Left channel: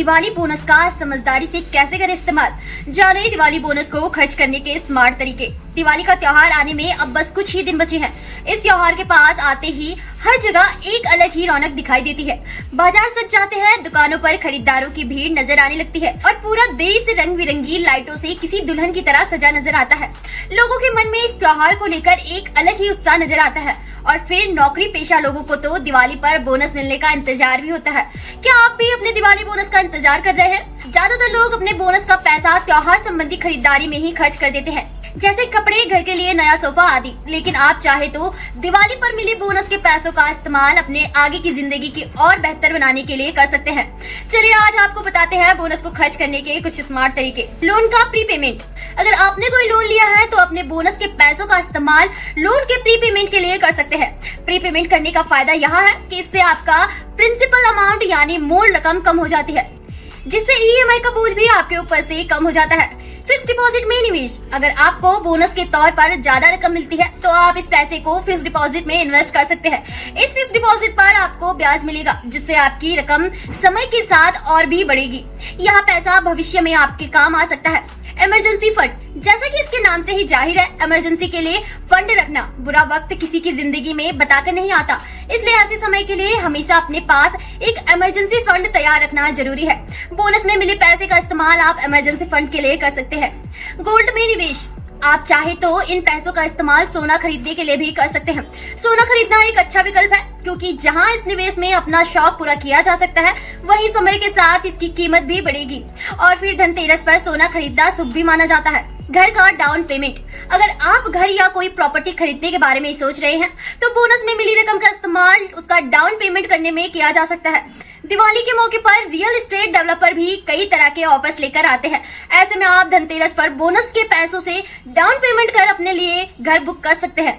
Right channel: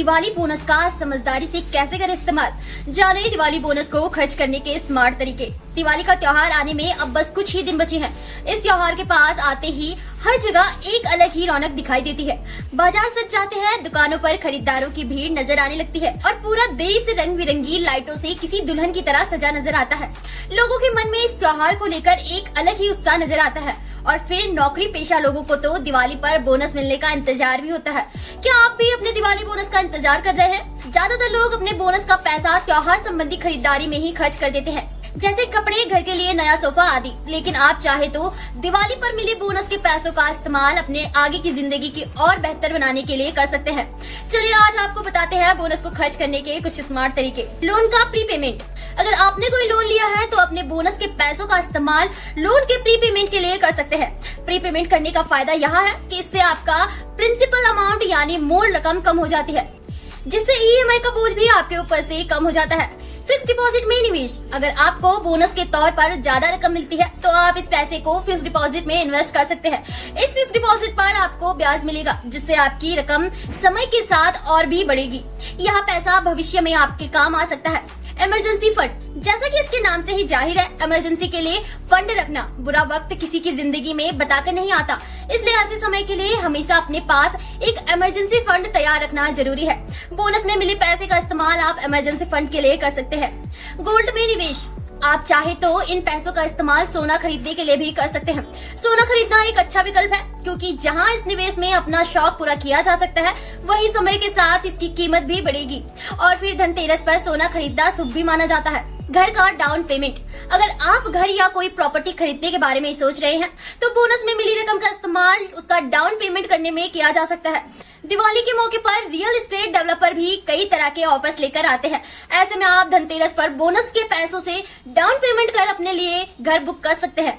Diwali bonus का समझदारी से कैसे करें इस्तेमाल। जाने दिवाली बोनस को खर्च करने के स्मार्ट तरीके। दिवाली का त्योहार आने में अब बस कुछ ही दिन बचे हैं। इस त्योहार के पास आते ही हर जगह एक अलग ही रौनक दिखाई देती है। बाजार सज जाते हैं, दुकानों पर खरीदारों की भीड़ नजर आने लगती है और पूरा देश रंग बिरंगी लाइटों से किसी दुल्हन की तरह सजा नजर आता है। लोगों के मन में इस त्योहार को लेकर एक अलग ही उत्साह नजर आता है। और फिर नौकरी पेशा लोगों को तो दिवाली पर बोनस मिलने का इंतजार भी होता है। क्या आप भी अपने दिवाली बोनस का इंतजार कर रहे हैं? ज्यादातर लोग अपने बोनस का पैसा त्योहार संबंधी खरीदारी में ही खर्च कर देते हैं, जैसे कपड़े, घर के लिए नया सोफा आदि। लेकिन आप चाहे तो दिवाली पर मिली बोनस के पैसों का इस्तेमाल अपने आगे की जिंदगी की और बेहतर बनाने के लिए कर सकते हैं। चलिए आज आपको बताते हैं बोनस को खर्च करने के कुछ स्मार्ट तरीके। लोन का प्री पेमेंट। अगर आपने कोई लोन लिया है तो अपने बोनस के पैसों का इस्तेमाल लोन के प्री पेमेंट के लिए कर सकते हैं। प्री पेमेंट करने का फायदा यहाँ है कि इससे आपका प्रिंसिपल अमाउंट यानी मूल रकम कम हो जाती है, जिससे ईएमआई का बोझ भी आपके ऊपर से कम हो जाता है। फिक्स डिपॉजिट में निवेश। अगर आपको बोनस के तौर पर ज्यादा रकम मिलती है तो आप इस पैसे को फिक्स डिपॉजिट में इन्वेस्ट कर सकते हैं। इस फिक्स डिपॉजिट पर आपको ब्याज मिलेगा, जिससे आपकी रकम समय के साथ और भी बढ़ेगी। यह पैसा भविष्य में आपके काम आ सकता है। Emergency fund. जैसा कि इसके नाम से ही जाहिर है, इमरजेंसी के लिए फंड रखना। बुरा वक्त किसी की जिंदगी में बताकर नहीं आता, इसलिए ऐसे समय के लिए हमेशा अपने पास एक इमरजेंसी फंड तैयार रखना जरूरी है। बोनस में मिले पैसे का इस्तेमाल आप इमरजेंसी फंड के लिए कर सकते हैं। गोल्ड में निवेश। आप चाहे तो इन पैसों का इस्तेमाल सोना खरीदने के लिए भी कर सकते हैं। सोना खरीदना एक अच्छा विकल्प है, क्योंकि जहां इस निवेश में अपना शौक पूरा किया जा सकता है, वहीं समय के साथ इसकी कीमत भी बढ़ेगी। और फिर धनतेरस पर सोना खरीदना शुभ भी माना जाता है। घर का डाउन पेमेंट। अगर आप घर या कोई प्रॉपर्टी खरीदने के बारे में सोच रहे हैं तो बोनस में मिली रकम का इस्तेमाल उसका डाउन पेमेंट करने में किया जा सकता है। दिवाली के मौके पर रियल एस्टेट डेवलपर भी कई तरह के ऑफर्स लेकर आते हैं। ऐसे में आप धनतेरस पर बोनस के पैसों से डाउन पेमेंट कर अपने लिए घर बुक कर सकते हैं।